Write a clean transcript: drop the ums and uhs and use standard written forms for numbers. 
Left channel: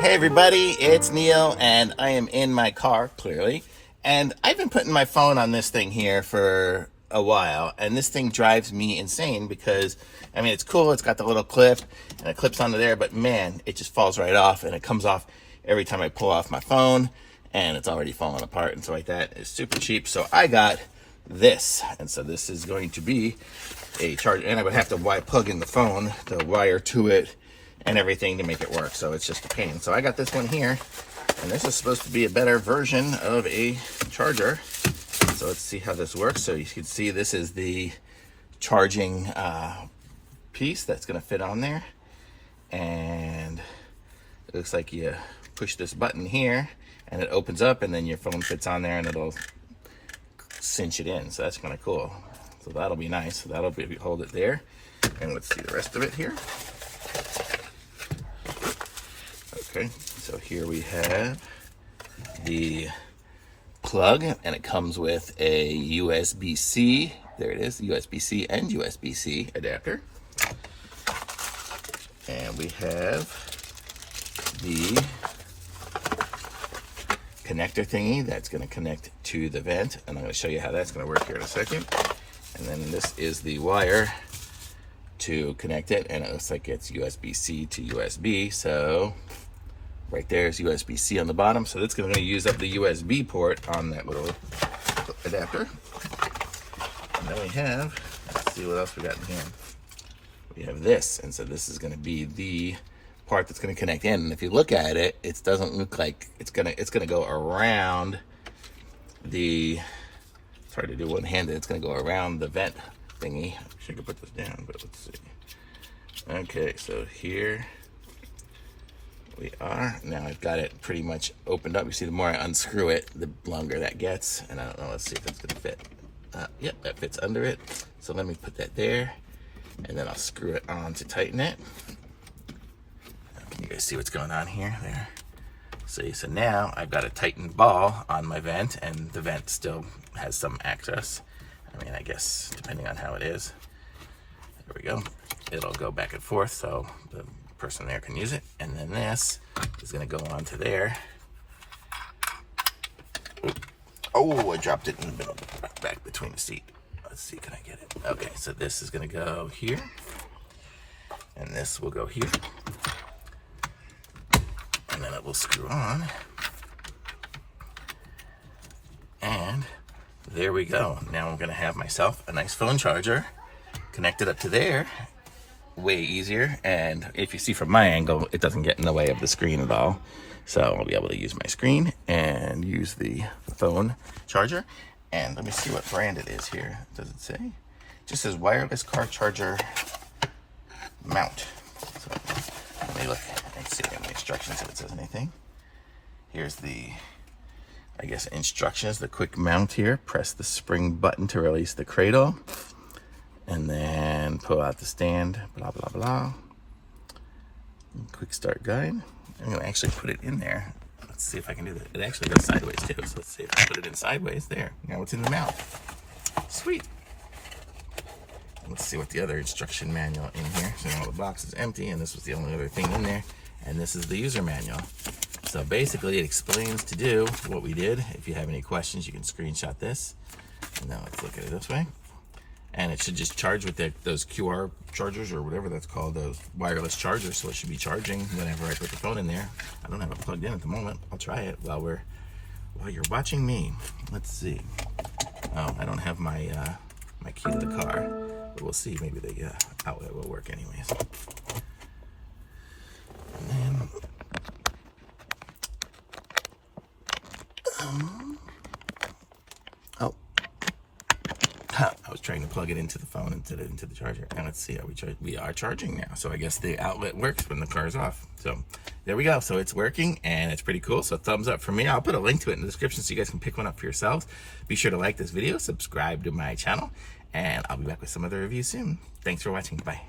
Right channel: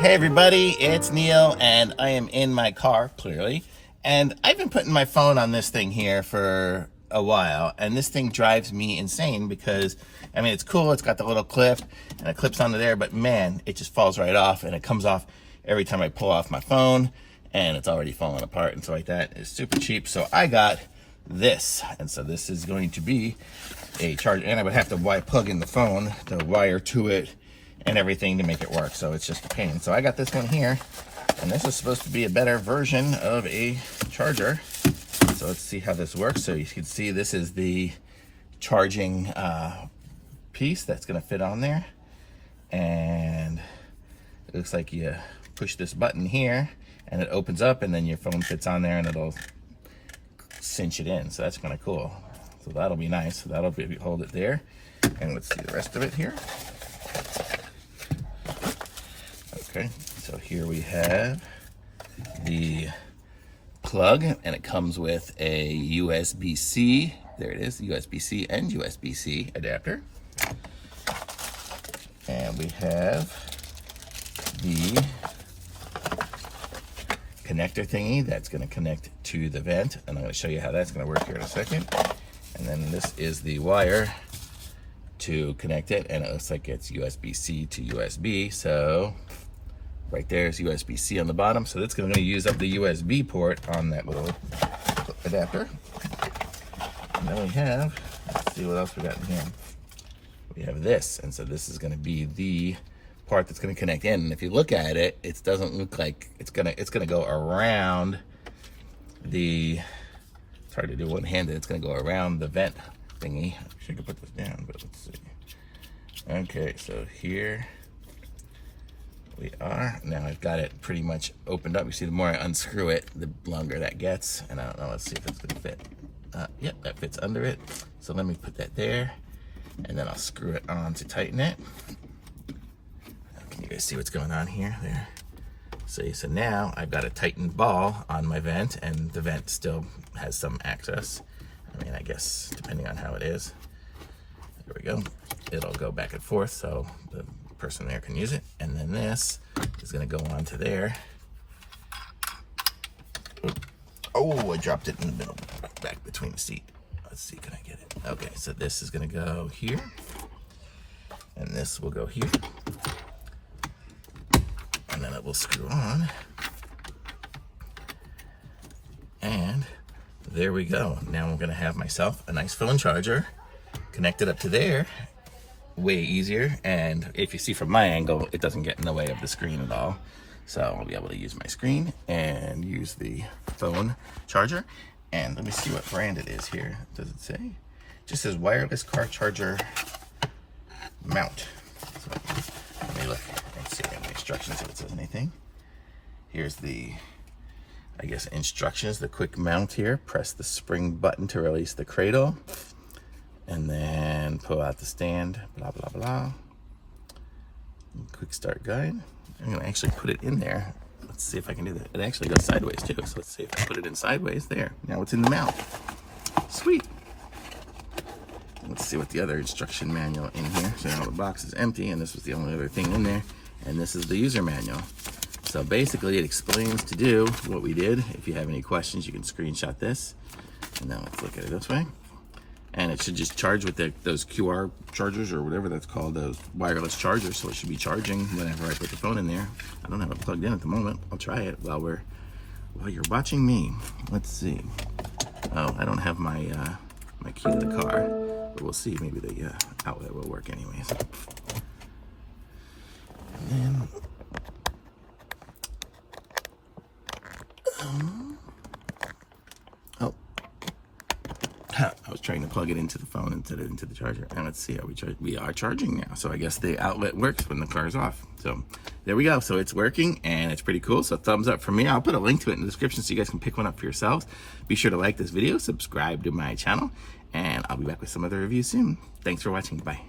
Hey everybody, it's Neil and I am in my car, clearly. And I've been putting my phone on this thing here for a while, and this thing drives me insane because, I mean, it's cool, it's got the little clip and it clips onto there, but man, it just falls right off, and it comes off every time I pull off my phone, and it's already falling apart and so like that. It's super cheap, so I got this. And so this is going to be a charger, and I would have to plug in the phone, the wire to it, and everything to make it work, so it's just a pain. So I got this one here, and this is supposed to be a better version of a charger. So let's see how this works. So you can see this is the charging piece that's going to fit on there, and it looks like you push this button here and it opens up, and then your phone fits on there and it'll cinch it in. So that's kind of cool. So that'll be nice. So that'll be, hold it there, and let's see the rest of it here. Okay, so here we have the plug, and it comes with a USB-C, there it is, USB-C and USB-C adapter. And we have the connector thingy that's going to connect to the vent, and I'm going to show you how that's going to work here in a second. And then this is the wire to connect it, and it looks like it's USB-C to USB, so right there's USB-C on the bottom, so that's going to use up the USB port on that little adapter. And then we have, let's see what else we got in here. We have this, and so this is going to be the part that's going to connect in. And if you look at it, it doesn't look like it's gonna go around the. It's hard to do one-handed. It's going to go around the vent thingy. I should have put this down, but let's see. Okay, so here we are. Now I've got it pretty much opened up. You see, the more I unscrew it, the longer that gets. And I don't know, let's see if it's gonna fit. Yep, that fits under it. So let me put that there, and then I'll screw it on to tighten it. Can you guys see what's going on here? There. So now I've got a tightened ball on my vent, and the vent still has some access. I mean, I guess depending on how it is. There we go. It'll go back and forth, so the person there can use it. And then this is going to go onto there. Oh, I dropped it in the middle, back between the seat. Let's see, can I get it? Okay, so this is going to go here, and this will go here, and then it will screw on, and there we go. Now I'm going to have myself a nice phone charger connected up to there. Way easier, and if you see from my angle, it doesn't get in the way of the screen at all. So I'll be able to use my screen and use the phone charger. And let me see what brand it is here. Does it say? It just says wireless car charger mount. So let me look and see in the instructions if it says anything. Here's the, I guess, instructions, the quick mount here. Press the spring button to release the cradle, and then pull out the stand, blah, blah, blah. Quick start guide. I'm gonna actually put it in there. Let's see if I can do that. It actually goes sideways too, so let's see if I put it in sideways. There, now it's in the mount. Sweet. Let's see what the other instruction manual in here. So now the box is empty, and this was the only other thing in there. And this is the user manual. So basically it explains to do what we did. If you have any questions, you can screenshot this. And now let's look at it this way. And it should just charge with those QR chargers, or whatever that's called, those wireless chargers. So it should be charging whenever I put the phone in there. I don't have it plugged in at the moment. I'll try it while you're watching me. Let's see. Oh, I don't have my my key to the car, but we'll see. Maybe the outlet will work anyways. And then, I was trying to plug it into the phone instead of into the charger. And let's see how we are charging now. So I guess the outlet works when the car's off. So there we go. So it's working, and it's pretty cool. So thumbs up for me. I'll put a link to it in the description so you guys can pick one up for yourselves. Be sure to like this video, subscribe to my channel, and I'll be back with some other reviews soon. Thanks for watching. Bye.